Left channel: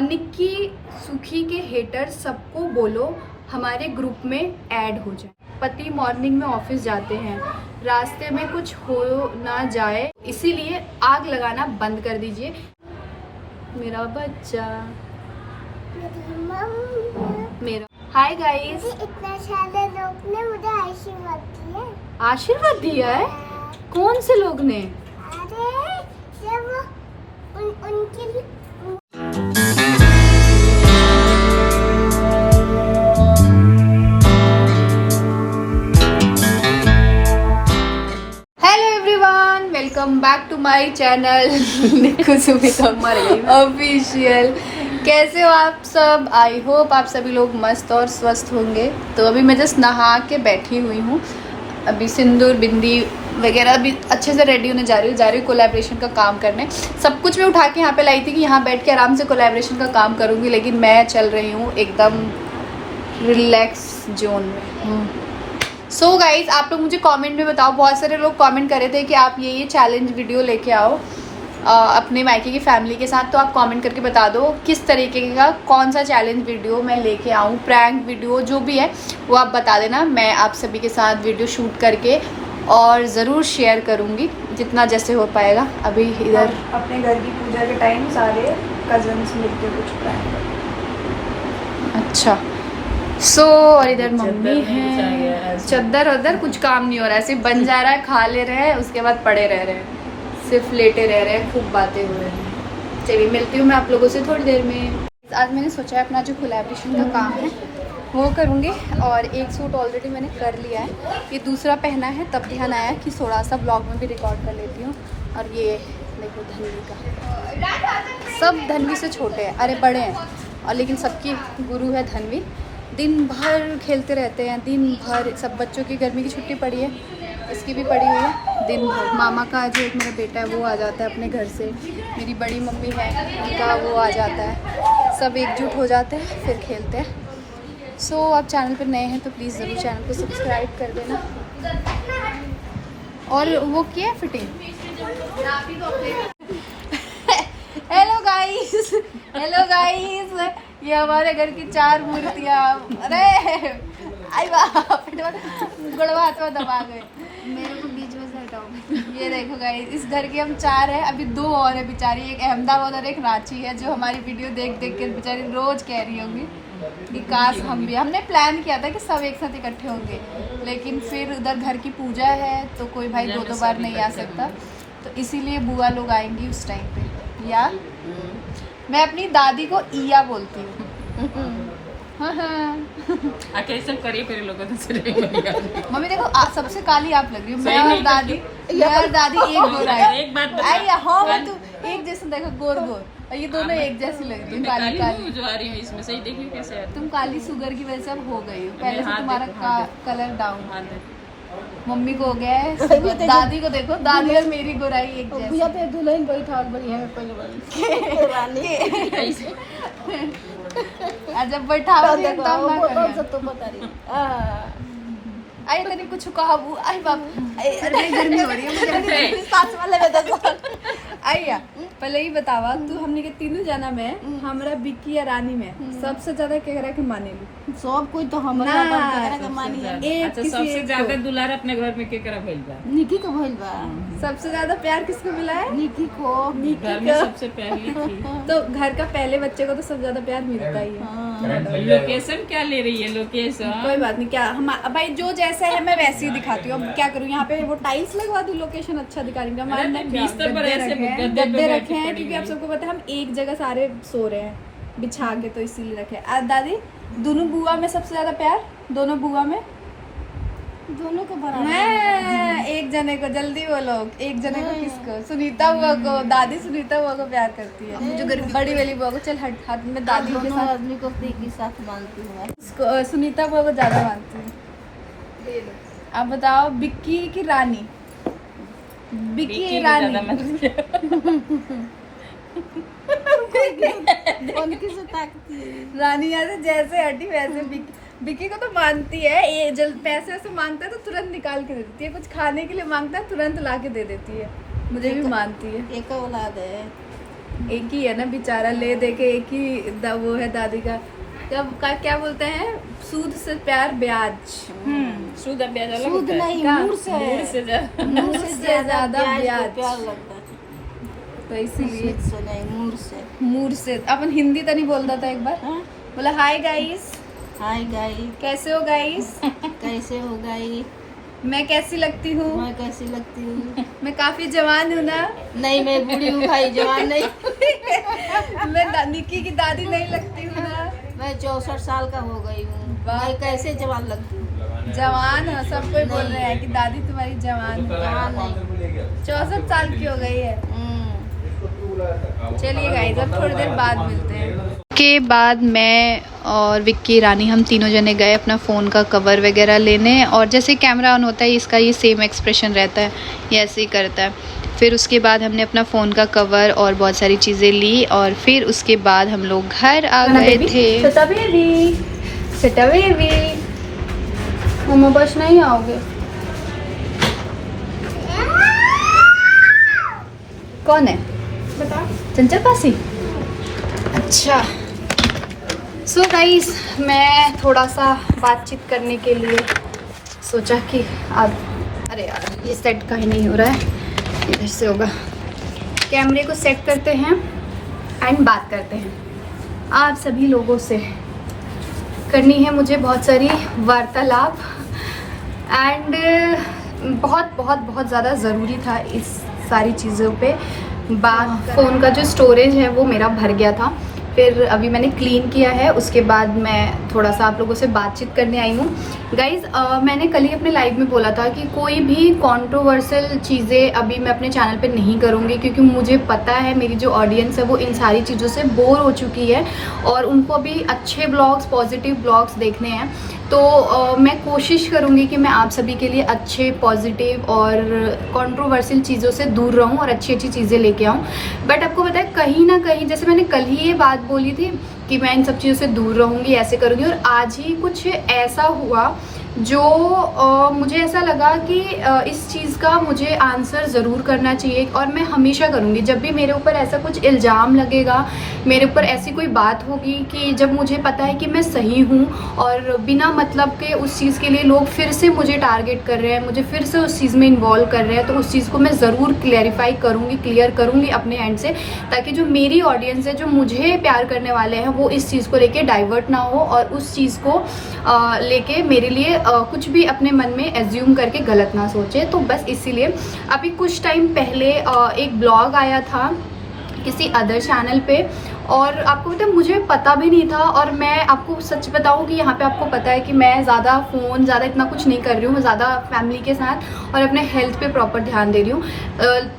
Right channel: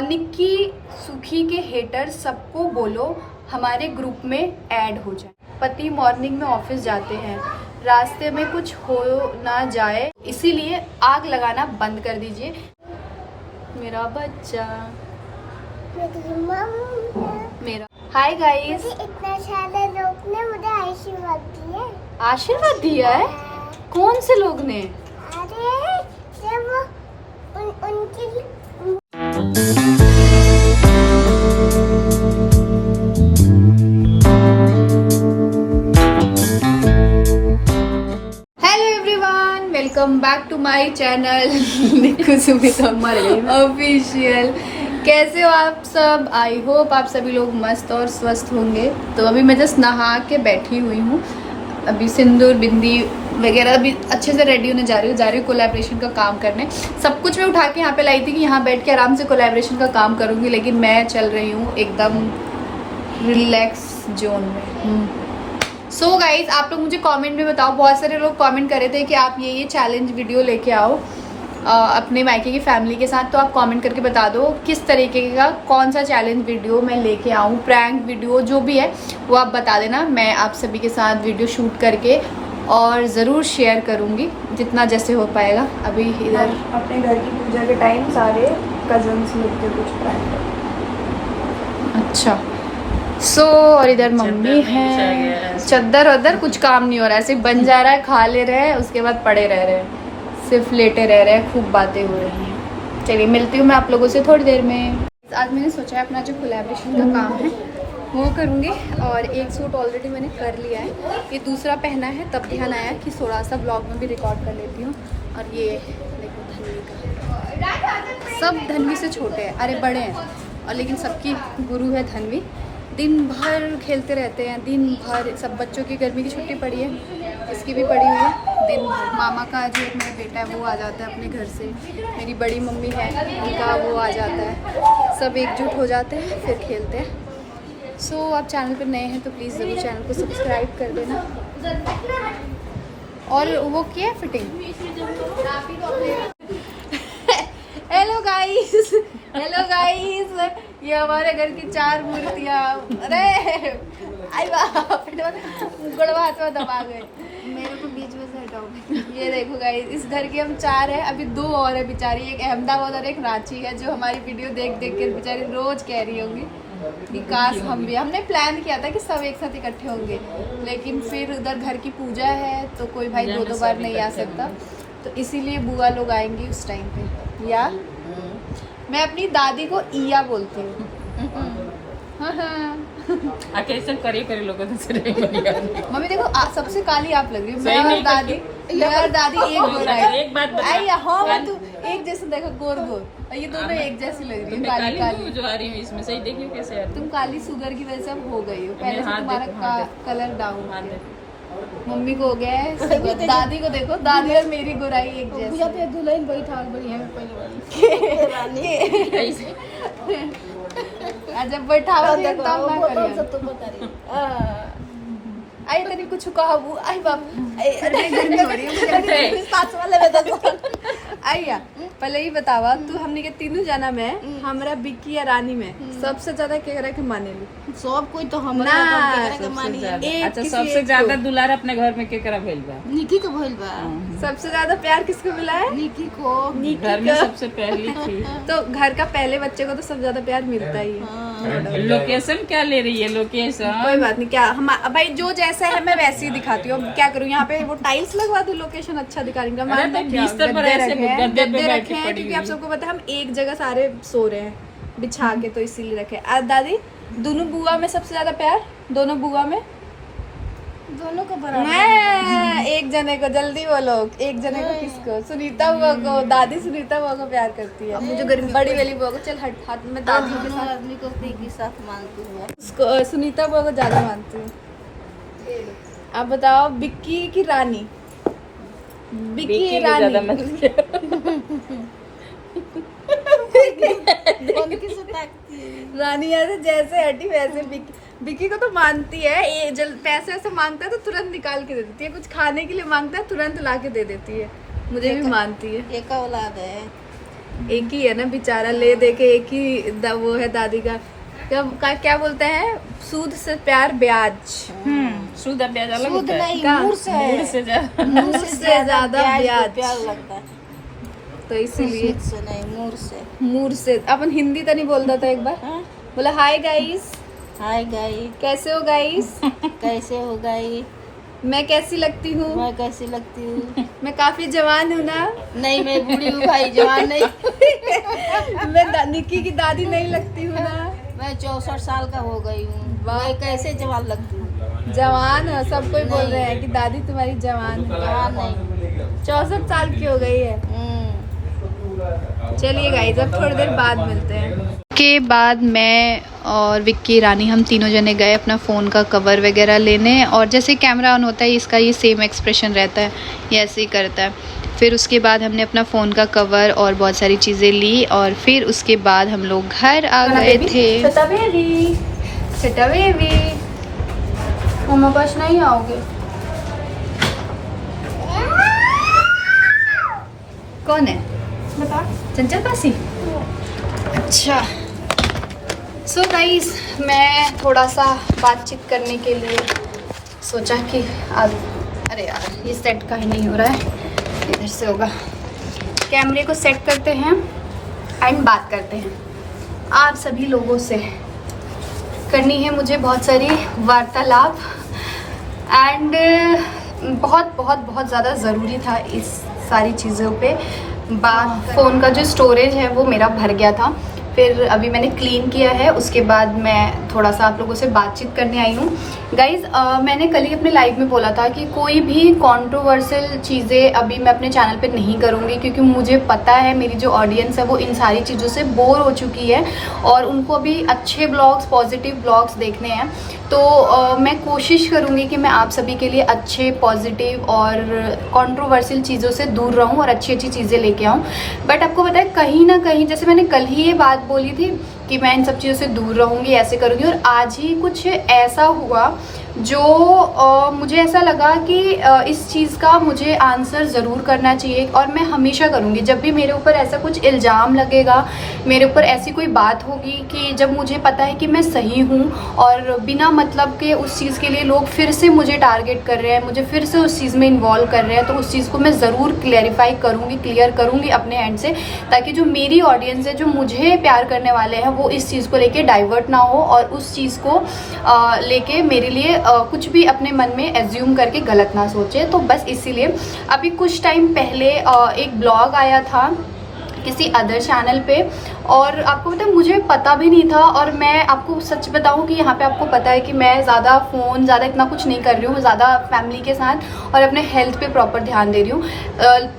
निक्की सुखी के हेटर सबको बोलो हमारे ग्रुप में ऐड हो जाए। पति मॉर्निंग में ऑफिस जाते हैं, रास्ते में कुछ हो ना जाए इसीलिए आग लगाना बंद कर दीजिए। मेरा बच्चा मेरा। हाय गाइस, इतना सारे लोग ने मुझे आशीर्वाद दिया। आशीर्वाद दिया है? कौन से लोग ने? अरे जब उनके लिए welcome back to my channel Nikku Sumita official. कैसे हो आप सब? आई होप आप सभी लोग मस्त और स्वस्थ होंगे। तो अभी मैं जस्ट नहा के बैठी हुई हूँ। अभी सिंदूर बिंदी वगैरह भी अच्छे से रेडी होने जा रही हूँ कोलैबोरेशन का काम करने। सब कुछ मैं उठा के यहाँ पे लाई थी कि यहाँ बैठ के आराम से कोलैबोरेशन का काम करूँगी, लेकिन मैं चल रही हूँ एकदम रिलैक्स जोन में। सो गाइज, आप लोग मुझे कमेंट में बताओ। बहुत सारे लोग कमेंट कर रहे थे कि आप ये चैलेंज वीडियो लेके आओ अपने मायके की फैमिली के साथ। तो आप कमेंट करके बता दो किस तरीके का कौन सा चैलेंज वीडियो मैं लेके आऊँ, प्रैंक वीडियो जो भी है वो आप बता देना। मैं आप सभी के साथ वीडियो शूट करके और ज़रूर शेयर करूँगी जितना जैसे हो पाएगा। अभी इधर अपने घर की पूजा के टाइम सारे कजन्स मिलके कुछ प्रैंक। अच्छा और इधर मम्मी है। चद्दर वद्दर कुछ काम नहीं हो रहा है, सिर्फ बन जा रहा है, खा ले रहे हैं, उसके बाद पड़े रह रहे हैं, सिर्फ लेटे रह रहे हैं, खूब बातें हो रही हैं। चलिए मिलती हूँ मैं आप लोगों से थोड़ी देर में। आज मैंने सोचा है अपना जो कोलैबोरेशन का काम है वो करूँगी, और एक सूट ऑलरेडी मैंने कर लिया है, ये दूसरा पहना है। तब ध्यान आया कि थोड़ा सा ब्लॉग में भी रिकॉर्ड कर लेती हूँ। और ये देखो धनवी का, सब धनवी से छोटे हैं, अरे बड़े हैं, और लेकिन सबकी गुरु है धनवी। दिन भर खेलते रहते हैं, दिन भर। सब बच्चों की गर्मी की छुट्टी पड़ी है, इसकी भी पड़ी हुई है। दिन भर मामा का जो एक मेरा बेटा है वो आ जाता है अपने घर से, मेरी बड़ी मम्मी है उनका वो आ जाता है, सब एकजुट हो जाते हैं फिर खेलते हैं। आप चैनल पर नए हैं तो प्लीज़ ज़रूर चैनल को सब्सक्राइब कर देना। और वो किया है फिटिंग। हेलो गाइस, ये हमारे घर की 4 मूर्तियाँ। अरे आई बाप, गुड़वा हाथ में दबा गए, मेरे को बीच में से हटाओ। ये देखो गाइस, इस घर की हम 4 हैं, अभी 2 और है बेचारी, एक अहमदाबाद और एक रांची है, जो हमारी वीडियो देख देख के बेचारी रोज कह रही होंगी कि काश हम भी। हमने प्लान किया था कि सब एक साथ इकट्ठे होंगे, लेकिन फिर उधर घर की पूजा है तो कोई भाई 2 बार नहीं आ सकता, तो इसीलिए बुआ लोग आएंगी उस टाइम पे। या मैं अपनी दादी को ईया बोलती हूँ। करे लोगों मम्मी देखो सबसे काली आप लग रही हो। मैं और दादी एक गोरा है। एक बात हाँ तू एक जैसे देखो, गोर और ये दोनों एक जैसी लग रही है, काली काली जो आ रही है इसमें। सही देखिए कैसे है। तुम काली शुगर की वजह से अब हो गई हो, पहले से तुम्हारा कलर डाउन। मम्मी को हो गया है, दादी को देखो, दादी और मेरी गोराई एक जैसी। दुल्हन बैठा बड़ी है पहले वाली जब बैठा आई तनी कुछ कहा वो आई बाप साथ वाले में तो आइया। पहले ही बतावा तू, हमने के तीनों जना में हमरा बिक्की या रानी में सबसे ज्यादा केकरा के मानेलू? सब कोई तो हमरा के मानी है। अच्छा, सबसे ज्यादा दुलार अपने घर में केकरा भइल बा? निकी को भइल बा। सबसे ज्यादा प्यार किसको मिला है? निकी को। घर में सबसे पहली थी तो घर का पहले बच्चे को तो सबसे ज्यादा प्यार मिलता ही है। लोकेशन क्या ले रही है? लोकेशन कोई बात नहीं, क्या हम भाई जो जैसा है मैं वैसे ही दिखाती हूँ। अब क्या करूँ, यहाँ पे वो टाइल्स लगवा दूँ, लोकेशन अच्छा दिखा रही हूँ। गद्दे रखे हैं क्योंकि आप सबको पता है हम एक जगह सारे सो रहे हैं बिछा के, तो इसीलिए रखे। दादी, दोनों बुआ में सबसे ज्यादा प्यार? दोनों बुआ में दोनों को बराबर। मैं एक जने को, जल्दी बोलो, एक जने को किसको? सुनीता बुआ को। दादी सुनीता बुआ को प्यार करती है, मुझे बड़ी वाली बुआ को। चल हट हट, मैं दादी के साथ आदमी को एक ही साथ मानती हूँ मैं। उसको सुनीता बुआ को ज्यादा मानती हूँ। आप बताओ, बिक्की की रानी? बिक्की रानी रानी यहाँ जैसे हटी वैसे बिक्की को तो मानती है। ये जब पैसे ऐसे मांगता है तो तुरंत निकाल के दे देती है, कुछ खाने के लिए मांगता है तुरंत ला के दे देती है, मुझे भी मानती है। एक औलाद है। एक ही है ना बेचारा, ले दे के एक ही वो है दादी का। क्या बोलते हैं, सूद से प्यार ब्याज। सूद अब ब्याज अलग सूद होता है। नहीं, का? मूर से है। मूर से ज्यादा। मूर से ज्यादा ब्याज। ब्याज को प्यार लगता है। तो इसीलिए सूद से नहीं, मूर से। मूड से। अपन हिंदी तो नहीं बोलता था एक बार, हाँ? बोला हाय गाइस, हाय गाई, कैसे हो गाइस, कैसे हो गाई? मैं कैसी लगती हूँ, मैं कैसी लगती हूँ? मैं काफी जवान हूँ ना। नहीं, मैं बूढ़ी हूँ भाई, जवान नहीं। मैं निक्की की दादी नहीं लगती हूँ ना। मैं 64 साल का हो गई हूँ। वाह। मैं कैसे जवान लगती हूँ? जवान हो, सब कोई बोल नहीं। रहे हैं कि दादी तुम्हारी जवान है। जवान नहीं। 64 साल की हो गई है। चलिए गाइस, अब थोड़ी देर बाद मिलते हैं। के बाद मैं और विक्की रानी हम तीनों जने गए अपना फ़ोन का कवर वगैरह लेने, और जैसे कैमरा ऑन होता है इसका ये सेम एक्सप्रेशन रहता है, ये ऐसे ही करता है। फिर उसके बाद हमने अपना फ़ोन का कवर और बहुत सारी चीज़ें ली, और फिर उसके बाद हम लोग घर आ गए थे। छोटा बेबी, छोटा बेबी, मम्मा बस नहीं आओगे? कौन है? बता। चंचल पासी। अच्छा, सो गाइस, मैं थोड़ा सा बातचीत करने के लिए सोचा कि अब, अरे यार ये सेट का ही नहीं हो रहा है, इधर से होगा। कैमरे को सेट करते हैं एंड बात करते हैं। आप सभी लोगों से करनी है मुझे बहुत सारी वार्तालाप, एंड बहुत बहुत बहुत ज़्यादा ज़रूरी था इस सारी चीज़ों पे बात। फ़ोन का जो स्टोरेज है वो मेरा भर गया था, फिर अभी मैंने क्लीन किया है, उसके बाद मैं थोड़ा सा आप लोगों से बातचीत करने आई हूँ। गाइज़, मैंने कल ही अपने लाइव में बोला था कि कोई भी कंट्रोवर्शियल चीज़ें अभी मैं अपने चैनल पे नहीं करूँगी, क्योंकि मुझे पता है मेरी जो ऑडियंस है वो इन सारी चीज़ों से बोर हो चुकी है और उनको अभी अच्छे ब्लॉग्स, पॉजिटिव ब्लॉग्स देखने हैं। तो मैं कोशिश करूँगी कि मैं आप सभी के लिए अच्छे, पॉजिटिव और कंट्रोवर्शियल चीज़ों से दूर रहूँ और अच्छी अच्छी चीज़ें लेके आऊँ। बट आपको पता है, कहीं ना कहीं, जैसे मैंने कल ही ये बात बोली थी कि मैं इन सब चीज़ों से दूर रहूँगी, ऐसे करूँगी, और आज ही कुछ ऐसा हुआ जो मुझे ऐसा लगा कि इस चीज़ का मुझे आंसर ज़रूर करना चाहिए, और मैं हमेशा करूँगी। जब भी मेरे ऊपर ऐसा कुछ इल्ज़ाम लगेगा, मेरे ऊपर ऐसी कोई बात होगी कि जब मुझे पता है कि मैं सही हूँ और बिना मतलब के उस चीज़ के लिए लोग फिर से मुझे टारगेट कर रहे हैं, मुझे फिर से उस चीज़ में इन्वॉल्व कर रहे हैं, तो उस चीज़ को मैं ज़रूर क्लैरिफाई करूँगी, क्लियर करूँगी अपने एंड से, ताकि जो मेरी ऑडियंस है, जो मुझे प्यार करने वाले हैं, वो इस चीज़ को लेके डाइवर्ट ना हो और उस चीज़ को लेके मेरे लिए कुछ भी अपने मन में एज्यूम करके गलत ना सोचे। तो बस इसीलिए अभी कुछ टाइम पहले एक ब्लॉग आया था किसी अदर चैनल पे, और आपको पता है मुझे पता भी नहीं था, और मैं आपको सच बताऊं कि यहाँ पे आपको पता है कि मैं ज़्यादा फ़ोन, ज़्यादा इतना कुछ नहीं कर रही हूँ, ज़्यादा फैमिली के साथ और अपने हेल्थ पे प्रॉपर ध्यान दे रही हूँ।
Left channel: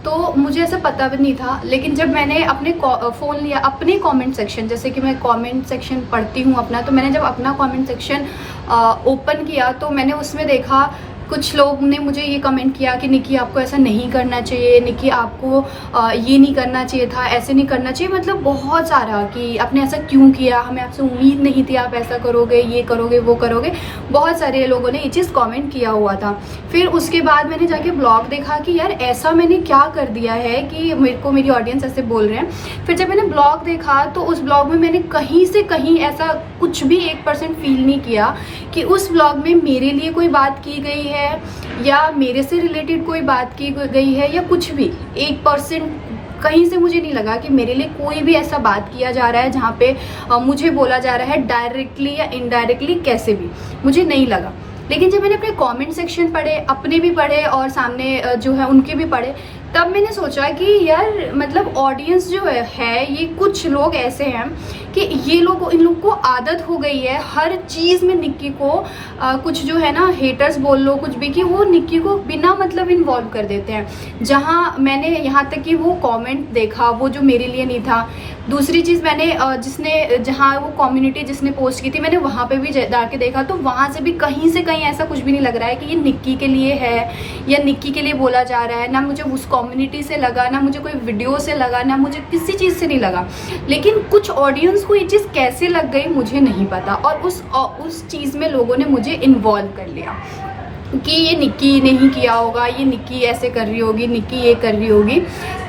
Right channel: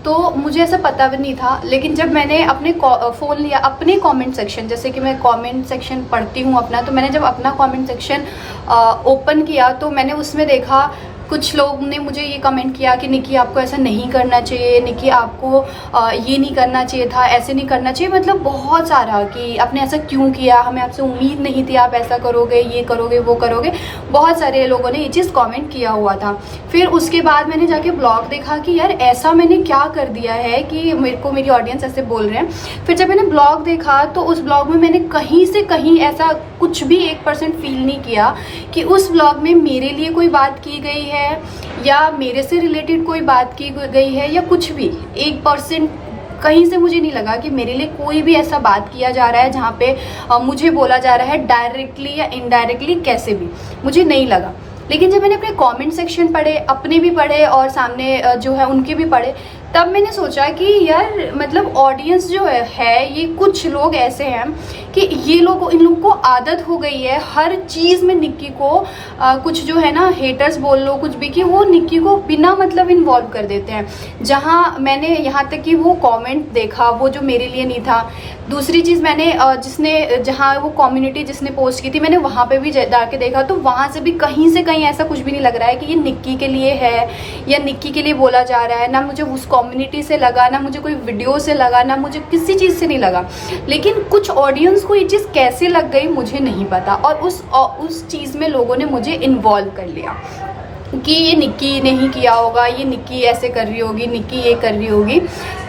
तो मुझे ऐसा पता भी नहीं था, लेकिन जब मैंने अपने फ़ोन लिया, अपने कमेंट सेक्शन, जैसे कि मैं कमेंट सेक्शन पढ़ती हूँ अपना, तो मैंने जब अपना कमेंट सेक्शन ओपन किया तो मैंने उसमें देखा कुछ लोग ने मुझे ये कमेंट किया कि निक्की आपको ऐसा नहीं करना चाहिए, निक्की आपको ये नहीं करना चाहिए था, ऐसे नहीं करना चाहिए, मतलब बहुत सारा कि आपने ऐसा क्यों किया, हमें आपसे उम्मीद नहीं थी आप ऐसा करोगे, ये करोगे, वो करोगे। बहुत सारे लोगों ने ये चीज़ कमेंट किया हुआ था। फिर उसके बाद मैंने जाके ब्लॉग देखा कि यार ऐसा मैंने क्या कर दिया है कि मेरे को मेरी ऑडियंस ऐसे बोल रहे हैं। फिर जब मैंने ब्लॉग देखा तो उस ब्लॉग में मैंने कहीं से कहीं ऐसा कुछ भी 1% फील नहीं किया कि उस ब्लॉग में मेरे लिए कोई बात की गई है या मेरे से रिलेटेड कोई बात की गई है, या कुछ भी 1% कहीं से मुझे नहीं लगा कि मेरे लिए कोई भी ऐसा बात किया जा रहा है जहाँ पे मुझे बोला जा रहा है डायरेक्टली या इनडायरेक्टली, कैसे भी मुझे नहीं लगा। लेकिन जब मैंने अपने कमेंट सेक्शन पढ़े, अपने भी पढ़े और सामने जो है उनके भी पढ़े, तब मैंने सोचा कि यार मतलब ऑडियंस जो है ये कुछ लोग ऐसे हैं कि ये लोग, इन लोग को आदत हो गई है हर चीज़ में निक्की को कुछ जो है ना, हेटर्स बोल लो कुछ भी, कि वो निक्की को बिना मतलब इन्वॉल्व कर देते हैं। जहाँ मैंने यहाँ तक कि वो कमेंट देखा वो जो मेरे लिए नहीं था। दूसरी चीज़ मैंने जहाँ वो कम्युनिटी जिसने पोस्ट की थी, मैंने वहाँ पे भी जाके देखा, तो वहाँ से भी कहीं से कहीं ऐसा कुछ भी नहीं लग रहा है कि ये निक्की के लिए है या निक्की के लिए बोला जा रहा है। ना मुझे उस कम्युनिटी से लगा, ना मुझे कोई वीडियो से लगा, ना मुझे किसी चीज़ से नहीं लगा। लेकिन कुछ ऑडियंस को ये चीज़ कैसे लग गई मुझे नहीं पता, और उस चीज़ में लोगों ने मुझे इन्वॉल्व कर लिया कि ये निक्की ने ही किया होगा, ये निक्की ऐसे कर रही होगी, निक्की ये कर रही होगी।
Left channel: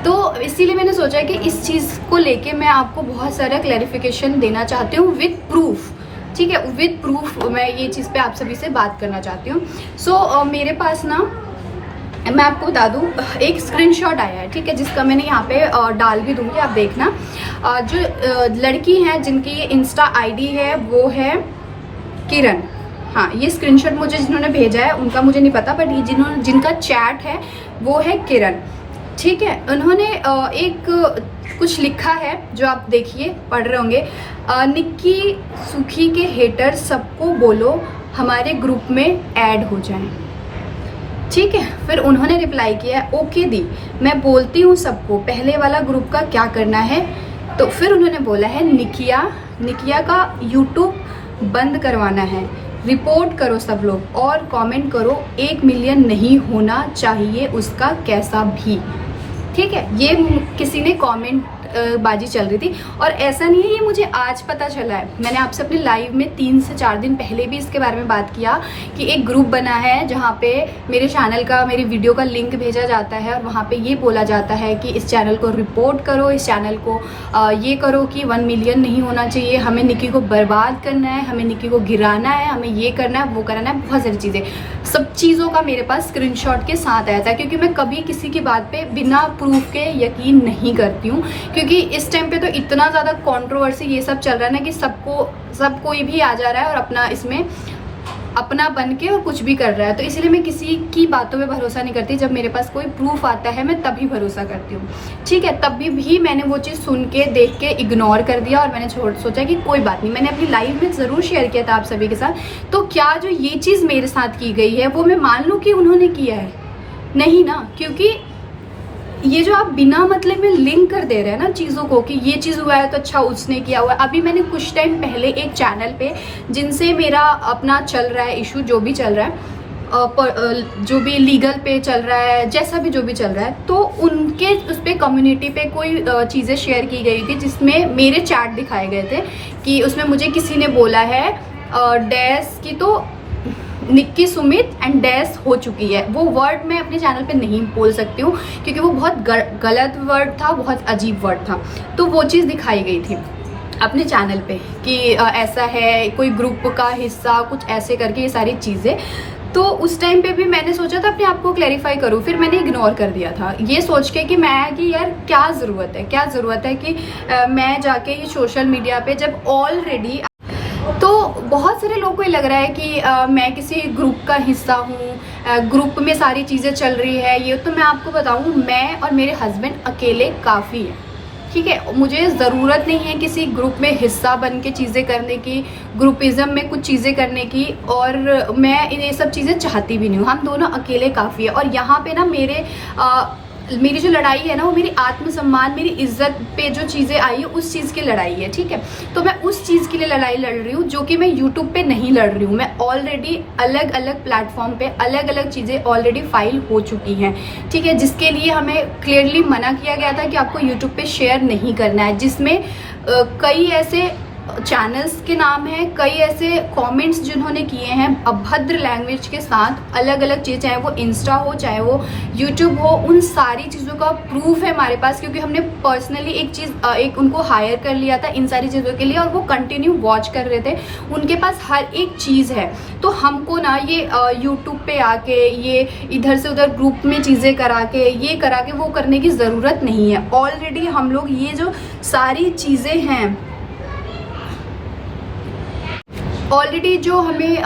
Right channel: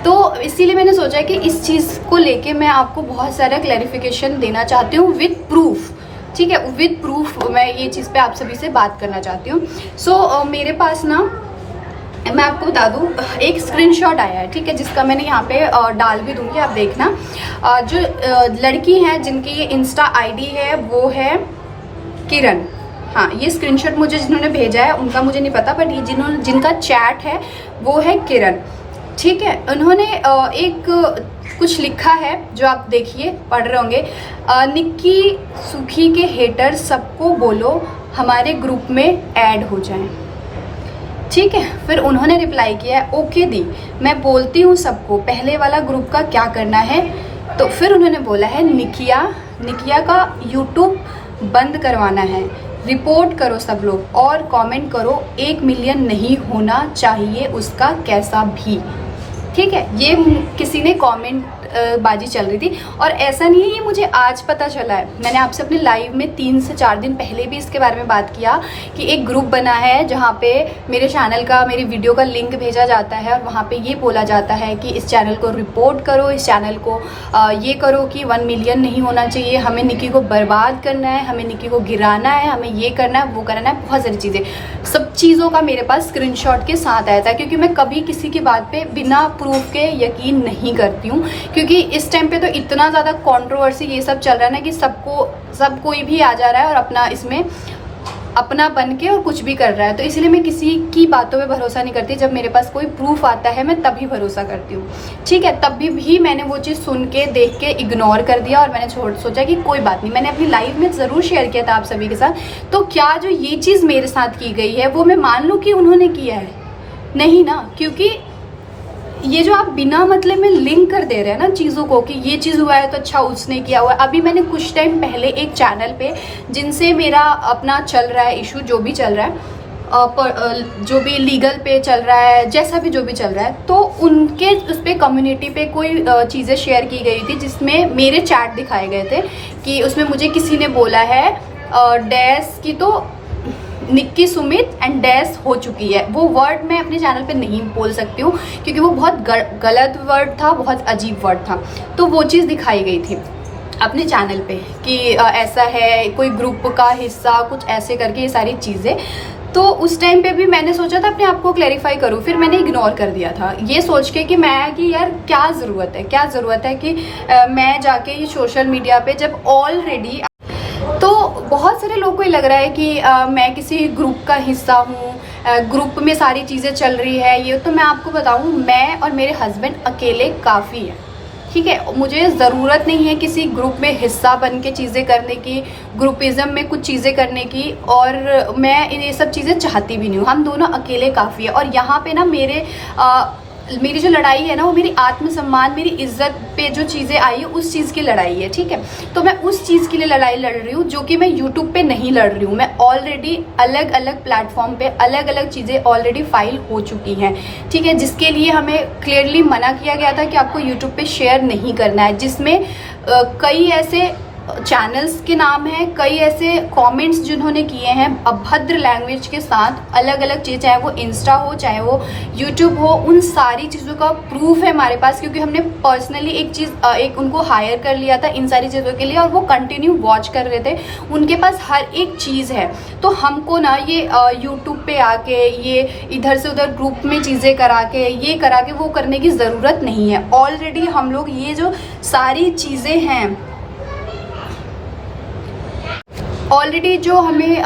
तो इसीलिए मैंने सोचा कि इस चीज़ को लेके मैं आपको बहुत सारा क्लैरिफिकेशन देना चाहती हूँ विद प्रूफ। ठीक है, विद प्रूफ मैं ये चीज़ पे आप सभी से बात करना चाहती हूँ। सो मेरे पास ना, मैं आपको बता दूं, एक स्क्रीनशॉट आया है, ठीक है, जिसका मैंने यहाँ पे डाल भी दूंगी, आप देखना। जो लड़की हैं जिनकी इंस्टा आईडी है वो है किरण। हाँ, ये स्क्रीनशॉट मुझे जिन्होंने भेजा है उनका मुझे नहीं पता, बट ये जिनका चैट है वो है किरण। ठीक है, उन्होंने एक कुछ लिखा है जो आप देखिए, पढ़ रहे होंगे। निक्की सुखी के हेटर सबको बोलो हमारे ग्रुप में ऐड हो जाएं। ठीक है, फिर उन्होंने रिप्लाई किया है, ओके दी, मैं बोलती हूँ सबको, पहले वाला ग्रुप का क्या करना है। तो फिर उन्होंने बोला है, निकिया का यूट्यूब बंद करवाना है, रिपोर्ट करो सब लोग और कमेंट करो 1 मिलियन नहीं होना चाहिए उसका कैसा भी। ठीक है, ये किसी ने कमेंट बाजी चल रही थी, और ऐसा नहीं है ये मुझे आज पता चला है। मैंने आपसे अपने लाइव में 3 से 4 दिन पहले भी इसके बारे में बात किया कि एक ग्रुप बना है जहाँ पे मेरे चैनल का, मेरी वीडियो का लिंक भेजा जाता है और वहाँ पे ये बोला जाता है कि इस चैनल को रिपोर्ट करो, इस चैनल को ये करो कि 1 मिलियन नहीं होना चाहिए, हमें निक्की को बर्बाद करना है, हमें निक्की को गिराना है, हमें ये करना है, वो करना है, बहुत सारी चीज़ें। सब चीज़ों का मेरे पास स्क्रीनशॉट के साथ आया था, क्योंकि मैं कभी किसी की बात पे बिना प्रूफ के यकीन नहीं करती हूँ, क्योंकि इस टाइम पे तो इतना ज़्यादा कंट्रोवर्सी ये सब चल रहा है ना कि सब कोई भी आ जा रहा है और अपना इसमें अपना बन के और कुछ भी कर रहा है। तो इसलिए मैं किसी की बातों में भरोसा नहीं करती, जब मेरे पास कोई प्रूफ आता है मैं तभी भरोसा करती हूँ। ठीक है, तभी भी मैंने वो चीज़ सुन के देख के इग्नोर कर दिया और मैंने सोचा कि कोई बात नहीं। मैंने अपनी लाइव में ज़रूर शेयर किया था आप सभी के साथ। तो क्या जो ये चीज़ मेरे साथ की गई है वो मैं मान लूँ कि उन्होंने किया है? नहीं ना, क्योंकि ये जो आप बिना मतलब में लिंक कर दे रहे हैं ना चीज़ों को कि ये चीज़ हुआ है तो अच्छा उसने किया हुआ है। अभी मैंने कुछ टाइम पहले एक चैनल पे, जिनसे मेरा अपना चल रहा है इशू, जो भी चल रहा है, जो भी लीगल पे चल रहा है, जैसा भी जो भी चल रहा है, तो उनके उस पर कम्युनिटी पे कोई चीज़ें शेयर की गई थी जिसमें मेरे चैट दिखाए गए थे कि उसमें मुझे किसी ने बोला है डैश की तो निक्की सुमित एंड डैश हो चुकी है। वो वर्ड मैं अपने चैनल पे नहीं बोल सकती हूँ क्योंकि वो बहुत गलत वर्ड था, बहुत अजीब वर्ड था। तो वो चीज़ दिखाई गई थी अपने चैनल पे कि ऐसा है, कोई ग्रुप का हिस्सा, कुछ ऐसे करके ये सारी चीज़ें। तो उस टाइम पे भी मैंने सोचा था अपने आप को क्लैरिफाई करूँ, फिर मैंने इग्नोर कर दिया था ये सोच के कि यार क्या ज़रूरत है कि मैं जाके ये सोशल मीडिया पे, जब ऑलरेडी तो बहुत सारे लोगों को ये लग रहा है कि मैं किसी ग्रुप का हिस्सा हूँ, ग्रुप में सारी चीज़ें चल रही है ये। तो मैं आपको बताऊँ, मैं और मेरे हस्बैंड अकेले काफ़ी है। ठीक है, मुझे ज़रूरत नहीं है किसी ग्रुप में हिस्सा बन के चीज़ें करने की, ग्रुपिज़म में कुछ चीज़ें करने की, और मैं ये सब चीज़ें चाहती भी नहीं हूँ। हम दोनों अकेले काफ़ी है। और यहाँ पे ना मेरी जो लड़ाई है ना, वो मेरी आत्मसम्मान, मेरी इज्जत पे जो चीज़ें आई है उस चीज़ की लड़ाई है। ठीक है, तो मैं उस चीज़ के लिए लड़ाई लड़ रही हूँ जो कि मैं यूट्यूब पे नहीं लड़ रही हूँ। मैं ऑलरेडी अलग अलग प्लेटफॉर्म पे अलग अलग चीज़ें ऑलरेडी फाइल हो चुकी हैं। ठीक है, जिसके लिए हमें क्लियरली मना किया गया था कि आपको यूट्यूब पे शेयर नहीं करना है, जिसमें कई ऐसे चैनल्स के नाम हैं, कई ऐसे कमेंट्स जिन्होंने किए हैं अभद्र लैंग्वेज के साथ, अलग अलग चीज़, चाहे वो इंस्टा हो, चाहे वो यूट्यूब हो, उन सारी चीज़ों का प्रूफ है हमारे पास, क्योंकि हमने पर्सनली एक उनको हायर कर लिया था इन सारी चीज़ों के लिए और वो कंटिन्यू वॉच कर रहे थे। उनके पास हर एक चीज़ है। तो हमको ना ये यूट्यूब पे आके ये इधर से उधर ग्रुप में चीज़ें करा के, ये करा के, वो करने की ज़रूरत नहीं है। ऑलरेडी हम लोग ये जो सारी चीज़ें हैं, ऑलरेडी जो हमें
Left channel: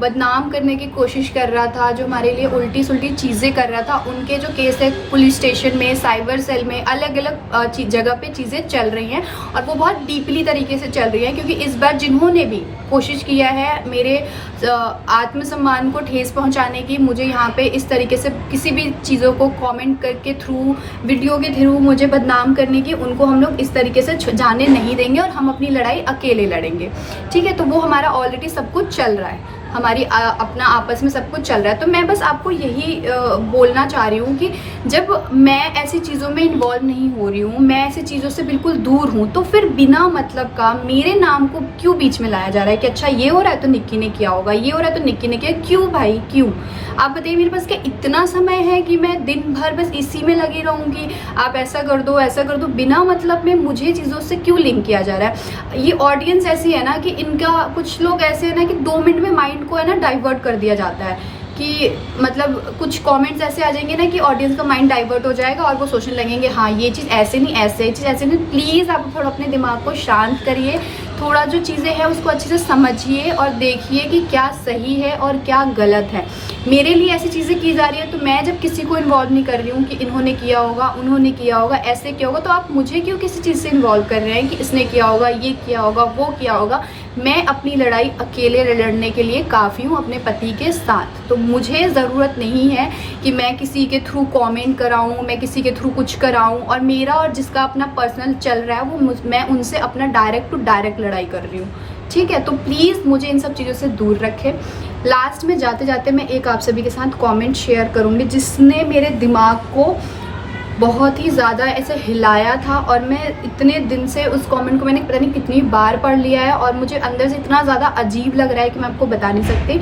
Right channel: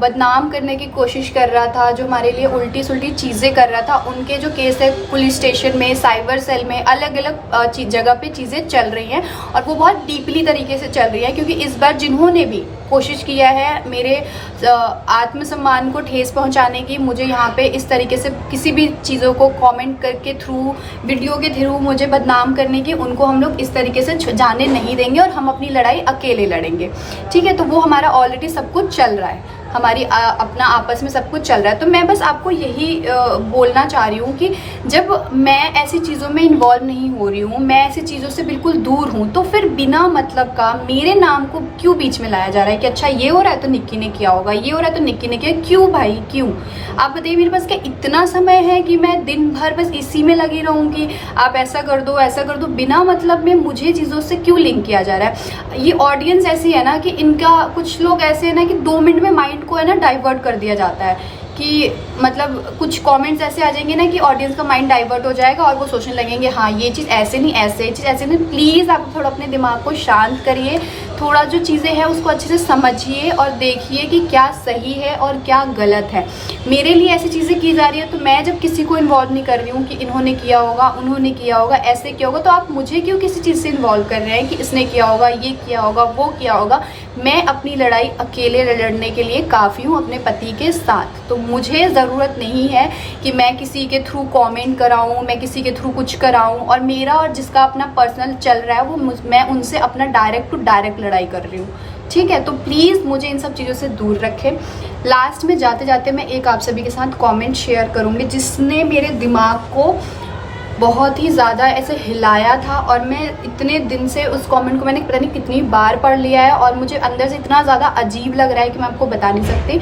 बदनाम करने की कोशिश कर रहा था, जो हमारे लिए उल्टी सुल्टी चीज़ें कर रहा था, उनके जो केस है पुलिस स्टेशन में, साइबर सेल में, अलग अलग जगह पे चीज़ें चल रही हैं और वो बहुत डीपली तरीके से चल रही है। क्योंकि इस बार जिन्होंने भी कोशिश किया है मेरे आत्मसम्मान को ठेस पहुंचाने की, मुझे यहाँ पे इस तरीके से किसी भी चीज़ों को कमेंट करके थ्रू, वीडियो के थ्रू मुझे बदनाम करने की, उनको हम लोग इस तरीके से जाने नहीं देंगे और हम अपनी लड़ाई अकेले लड़ेंगे। ठीक है, तो वो हमारा ऑलरेडी सब कुछ चल रहा है। हमारी अपना आपस में सब कुछ चल रहा है। तो मैं बस आपको यही बोलना चाह रही हूँ कि जब मैं ऐसी चीज़ों में इन्वॉल्व नहीं हो रही हूँ, मैं ऐसी चीज़ों से बिल्कुल दूर हूँ, तो फिर बिना मतलब का मेरे नाम को क्यों बीच में लाया जा रहा है कि अच्छा ये हो रहा है तो निक्की ने किया होगा, ये हो रहा है तो निक्की ने किया। क्यों भाई क्यों? आप बताइए, मेरे पास क्या इतना समय है कि मैं दिन भर बस इसी में लगी रहूँगी? आप ऐसा कर दो ऐसा कर दो, बिना मतलब में मुझे चीज़ों से क्यों लिंक किया जा रहा है? ये ऑडियंस ऐसी है ना कि इनका, कुछ लोग ऐसे है ना कि 2 मिनट में माइंड को है ना डाइवर्ट कर दिया जाता है कि मतलब कुछ कमेंट्स ऐसे आ जाएंगे ना कि ऑडियंस का माइंड डाइवर्ट हो जाएगा और वो सोचने लगेंगे हाँ ये चीज़ ऐसे नहीं, ऐसे ये चीज़ ऐसे नहीं। प्लीज़ आप थोड़ा अपने दिमाग को शांत करिए, थोड़ा जो चीज़ें हैं उसको अच्छे से समझिए और देखिए कि क्या सही है और क्या गलत है। मेरे लिए ऐसी चीज़ें की जा रही है तो मैं जब किसी को इन्वॉल्व नहीं कर रही हूँ कि इन्होंने किया होगा, उन्होंने किया होगा, ऐसे किया होगा, तो आप मुझे क्यों किसी चीज़ से इन्वॉल्व कर रहे हैं कि इसने किया होगा, ये किया होगा, वो किया होगा? मैं अपनी लड़ाई अकेले लड़ने के लिए काफ़ी हूँ अपने पति के साथ। तो मुझे ज़रूरत नहीं है कि मैं किसी के थ्रू कमेंट कराऊँ, मैं किसी के थ्रू कुछ कराऊँ, और मेरा और जिसका अपना पर्सनल चल रहा है वो मैं उनसे अपना डायरेक्ट टू डायरेक्ट लड़ाई कर रही हूँ। ठीक है, तो प्लीज़ मुझे इन सब चीज़ों से दूर रखें। लास्ट में जाते जाते मैं एक आप सभी के साथ कमेंट शेयर करूँगी जिसने मेरे दिमाग को बहुत ही ज़्यादा ऐसे हिलाया था, और मैं इतने दिन से उस कमेंट को मैंने पता नहीं कितनी बार पढ़ लिया है और मुझे अंदर से इतना ज़्यादा अजीब लग रहा है कि मैं आपको बता नहीं सकती।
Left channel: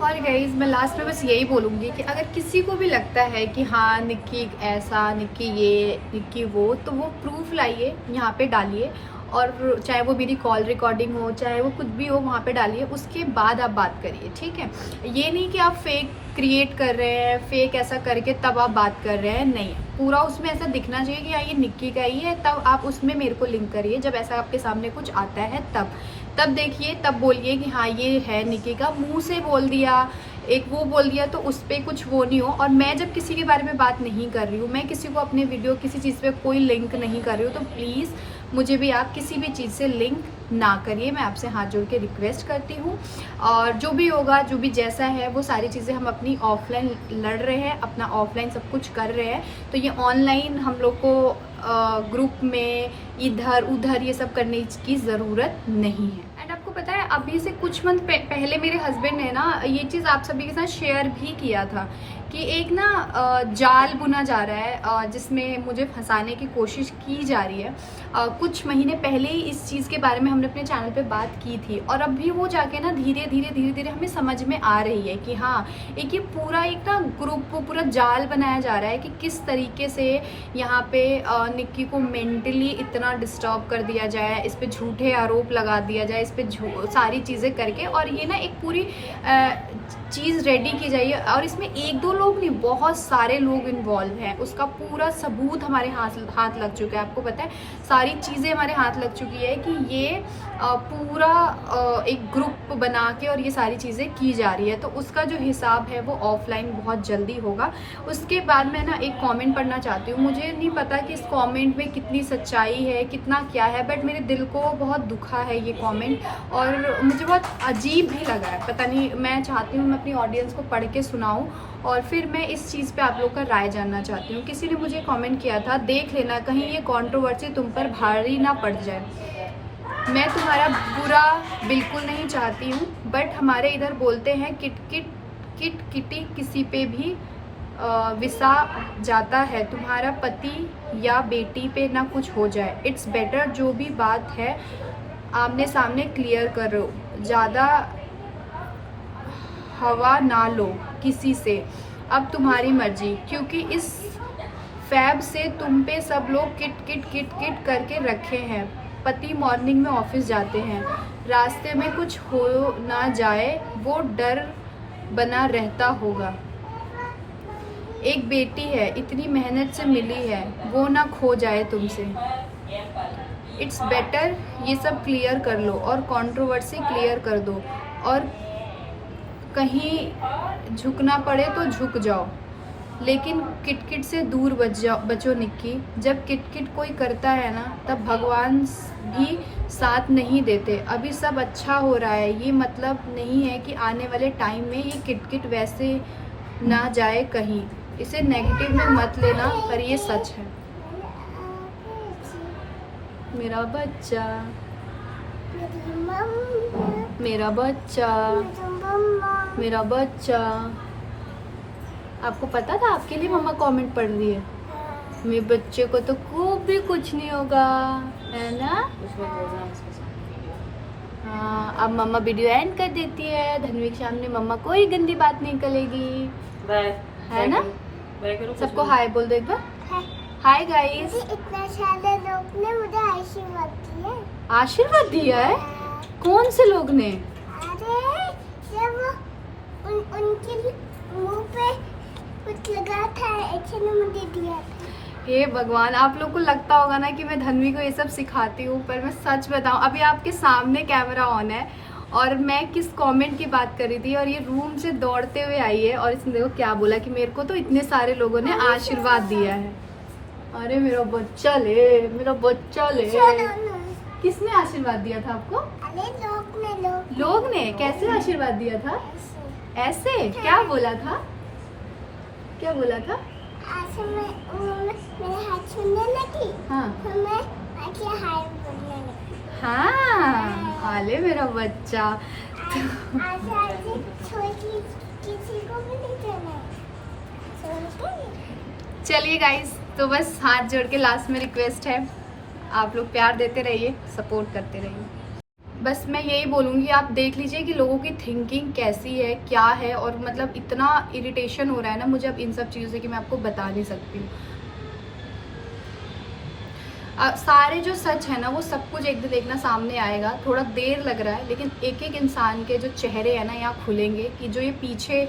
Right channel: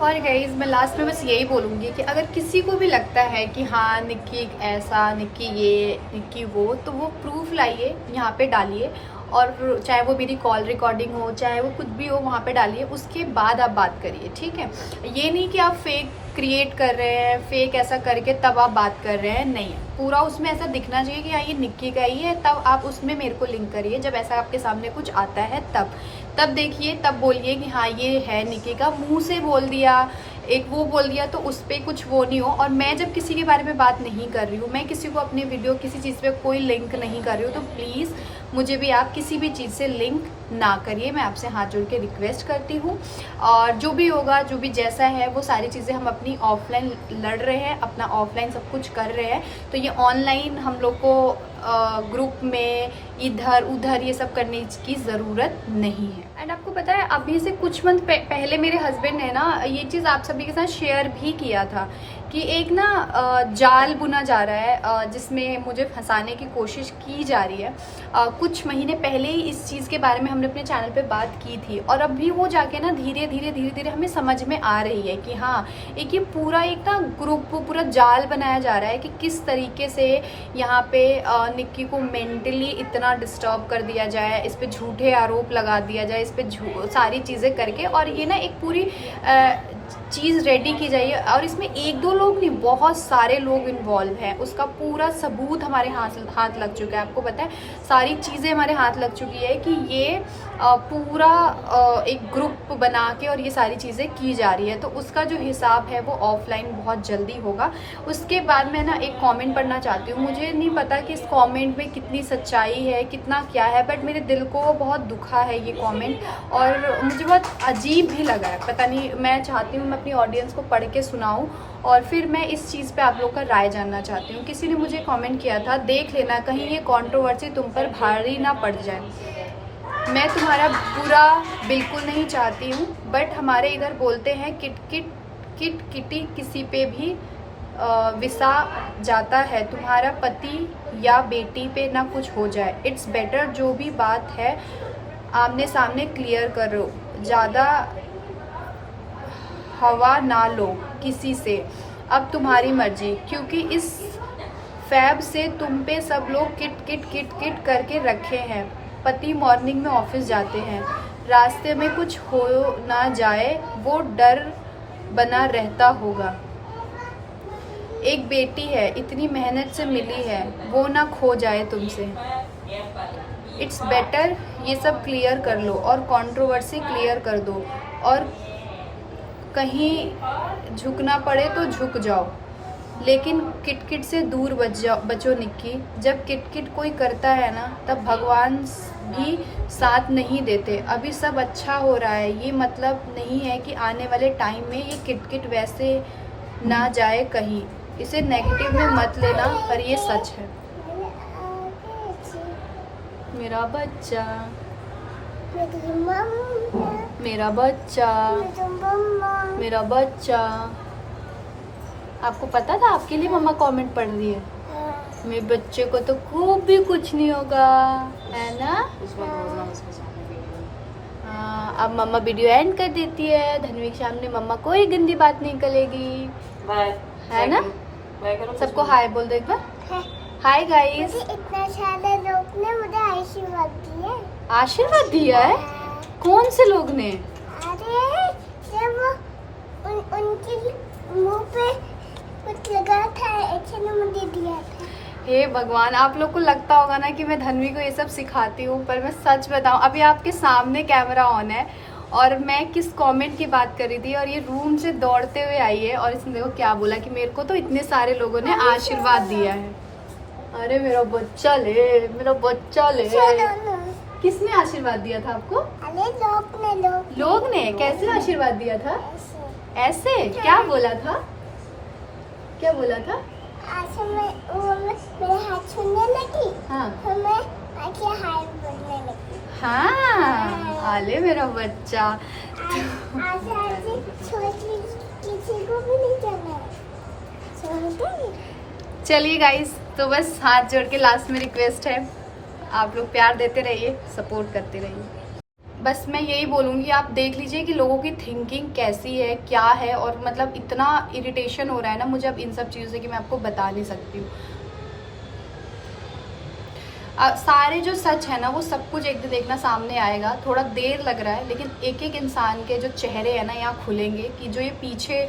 और गाइज मैं लास्ट में बस यही बोलूँगी कि अगर किसी को भी लगता है कि हाँ निक्की ऐसा, निक्की ये, निक्की वो, तो वो प्रूफ लाइए, यहाँ पे डालिए, और चाहे वो मेरी कॉल रिकॉर्डिंग हो, चाहे वो कुछ भी हो, वहाँ पे डालिए, उसके बाद आप बात करिए। ठीक है, ये नहीं कि आप फेक क्रिएट कर रहे हैं, फेक ऐसा करके तब आप बात कर रहे हैं, नहीं। पूरा उसमें ऐसा दिखना चाहिए कि हाँ ये निक्की का ही है, तब आप उसमें मेरे को लिंक करिए। जब ऐसा आपके सामने कुछ आता है तब देखिए, तब बोलिए कि हाँ ये है निक्की का। मुंह से बोल दिया, एक वो बोल दिया तो उस पर कुछ वो नहीं हो। और मैं जब किसी के बारे में बात नहीं कर रही हूँ, मैं किसी को अपनी वीडियो किसी चीज़ पे कोई लिंक नहीं कर रही हूँ, तो प्लीज़ मुझे भी आप किसी भी चीज़ से लिंक ना करिए। मैं आपसे हाथ जोड़ के रिक्वेस्ट करती हूँ। और जो भी होगा, जो भी जैसा है, वो सारी चीज़ें हम अपनी ऑफलाइन लड़ रहे हैं, अपना ऑफलाइन सब कुछ कर रहे हैं। तो ये ऑनलाइन हम लोग को ग्रुप में इधर उधर ये सब करने की ज़रूरत नहीं है। एंड आपको पता है, अभी से कुछ मंथ पहले मेरे हस्बैंड ने ना ये चीज़ आप सभी के साथ शेयर भी किया था कि एक ना जाल बुना जा रहा है जिसमें मुझे फंसाने की कोशिश की जा रही है। कुछ महीने पहले ही इस चीज़ के बारे में हमने अपने चैनल पे बात की थी, और अभी वो जाके ना धीरे धीरे हमें समझ में आ रही है कि हाँ एक ये पूरा एक ना ग्रुप, पूरा जाल बनाया जा रहा है कि किस तरीके से यहाँ पे निक्की को मेंटली इतना डिस्टर्ब कर दिया जाए, इस पर झूठे आरोप लगा दिया जाए, इस पर सारी चीज़ें करके, और ये ना एक पूरी चीज़ रेडी की जाइए। और इसमें 1-2 लोग नहीं, बहुत सारे लोग इन्वॉल्व हैं। उसका पूरा सबूत हमारे हाथ लग चुका है। आपको पता है, सारी चीज़ें हमारे हाथ लग चुकी है कि ये पूरा एक ग्रुप बना के और ये सारी चीज़ें की जा रही है। तो उसका जो हिसाब है वो ऑफलाइन बहुत जल्दी होगा। उसके बाद मैं ना एक कमेंट पढ़ना चाहती हूँ। मुझे नहीं पता कि इस कमेंट में कितनी सच्चाई है, कितना क्या है, बट मेरे दिल को बहुत दुखा है ये कमेंट, और मुझे बहुत अजीब भी लगा है। पता नहीं, मैं चाहती हूँ मैं अपनी ऑडियंस को पढ़ के सुनाऊँ, और फिर मैं इस चीज़ पे आप लोग का राय जानना चाहती हूँ। किसी ने मुझे कमेंट किया था, देख लेना कहीं ये कंट्रोवर्सी तुम पर भारी ना पड़ जाए। मैं तुम्हारा बुरा बिल्कुल नहीं चाहती हूँ, बट हमारे इधर बोलते हैं किटी किसी पे भी विसा जाता है। तुम्हारा पति या बेटी पे ना कुछ हो जाए। इट्स बेटर जो भी बात है आमने सामने क्लियर करो, ज़्यादा हवा ना लो किसी से, अब तुम्हारी मर्जी, क्योंकि इस फैब से तुम पे सब लोग किट करके रखे हैं। पति मॉर्निंग में ऑफिस जाते हैं, रास्ते में कुछ हो ना जाए वो डर बना रहता होगा। एक बेटी है, इतनी मेहनत से मिली है, वो ना खो जाए तुमसे। इट्स बेटर ये सब क्लियर कर लो और कंट्रोवर्सी क्लियर कर दो, और कहीं झुकना पड़े तो झुक जाओ, लेकिन किटकिट से दूर बचो निक्की। जब किटकिट कोई करता है ना, तब भगवान भी साथ नहीं देते। अभी सब अच्छा हो रहा है, ये मतलब नहीं है कि आने वाले टाइम में ये किटकिट वैसे ना जाए कहीं। इसे नेगेटिव में मत लेना, पर ये सच है। मेरा बच्चा मेरा बच्चा, मेरा बच्चा। आपको पता था आपके लिए मम्मा कमेंट पढ़ रही है? मेरे बच्चे को तो खूब भी कुछ नहीं होगा, है ना? हाँ, अब मम्मा वीडियो एंड कर देती है। धन्वी के सामने मम्मा कोई गंदी बात नहीं करेगी, है ना? सबको हाय बोल दो एक बार। Hi guys. इतना सारे लोग ने मुझे आशीर्वाद दिया। आशीर्वाद दिया है? कौन से लोग ने? अरे जब उनके मुंह पे कुछ लगा था, ऐसे ने मुझे दिया था। हे भगवान, आप लोग को लगता होगा ना कि मैं धन्वी को ये सब सिखाती हूँ, पर मैं सच बताऊँ, अभी आपके सामने कैमरा ऑन है और मैं किस कमेंट की बात कर रही थी और ये रूम से दौड़ते हुए आई है और इसने देखो क्या बोला कि मेरे को तो इतने सारे लोगों ने आशीर्वाद दिया है। अरे मेरा बच्चा ले, मेरा बच्चा ले। किसने आशीर्वाद दिया था आपको? अरे लोग ने कैसे आशीर्वाद दिया था? ऐसे ऐसे क्या बोला था? क्या बोला था? ऐसे मेरे हाथ छूने लगी। हाँ फिर मैं आके हाय बोलने लगी। हाँ, आले मेरा बच्चा। ऐसे छोड़ के किसी को भी नहीं जाना है। छोड़ दे। चलिए गाइस, तो बस हाथ जोड़ के लास्ट में रिक्वेस्ट है, आप लोग प्यार देते रहिए, सपोर्ट करते रहिए। बस मैं यही बोलूँगी, आप देख लीजिए कि लोगों की थिंकिंग कैसी है, क्या है, और मतलब इतना इरिटेशन हो रहा है ना मुझे अब इन सब चीज़ों से कि मैं आपको बता नहीं सकती हूँ। सारे जो सच है ना वो सब कुछ एक दिन देखना सामने आएगा। थोड़ा देर लग रहा है, लेकिन एक एक इंसान के जो चेहरे हैं ना यहाँ खुलेंगे कि जो ये पीछे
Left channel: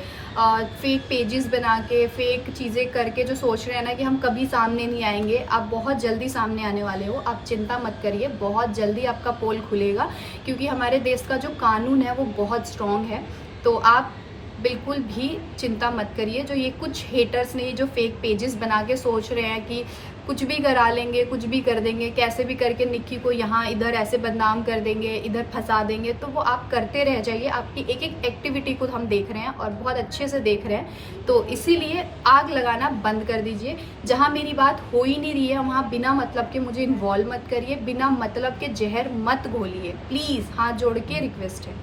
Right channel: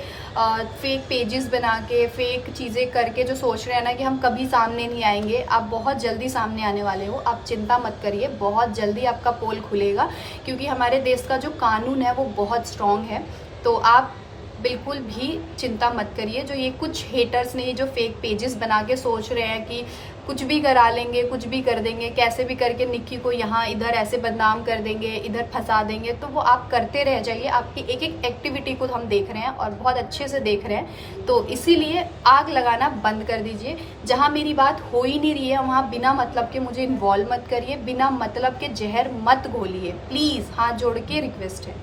फेक पेजेस बना के फेक चीज़ें करके जो सोच रहे हैं ना कि हम कभी सामने नहीं आएंगे, आप बहुत जल्दी सामने आने वाले हो। आप चिंता मत करिए, बहुत जल्दी आपका पोल खुलेगा, क्योंकि हमारे देश का जो कानून है वो बहुत स्ट्रॉन्ग है। तो आप बिल्कुल भी चिंता मत करिए। जो ये कुछ हेटर्स ने ये जो फेक पेजेस बना के सोच रहे हैं कि कुछ भी करा लेंगे, कुछ भी कर देंगे, कैसे भी करके निक्की को यहाँ इधर ऐसे बदनाम कर देंगे, इधर फंसा देंगे, तो वो आप करते रह जाइए। आपकी एक एक एक्टिविटी को हम देख रहे हैं और बहुत अच्छे से देख रहे हैं, तो इसीलिए आग लगाना बंद कर दीजिए। जहाँ मेरी बात हो ही नहीं रही है वहाँ बिना मतलब के मुझे इन्वॉल्व मत करिए, बिना मतलब के जहर मत घोलिए, प्लीज़, हाथ जोड़ के रिक्वेस्ट है।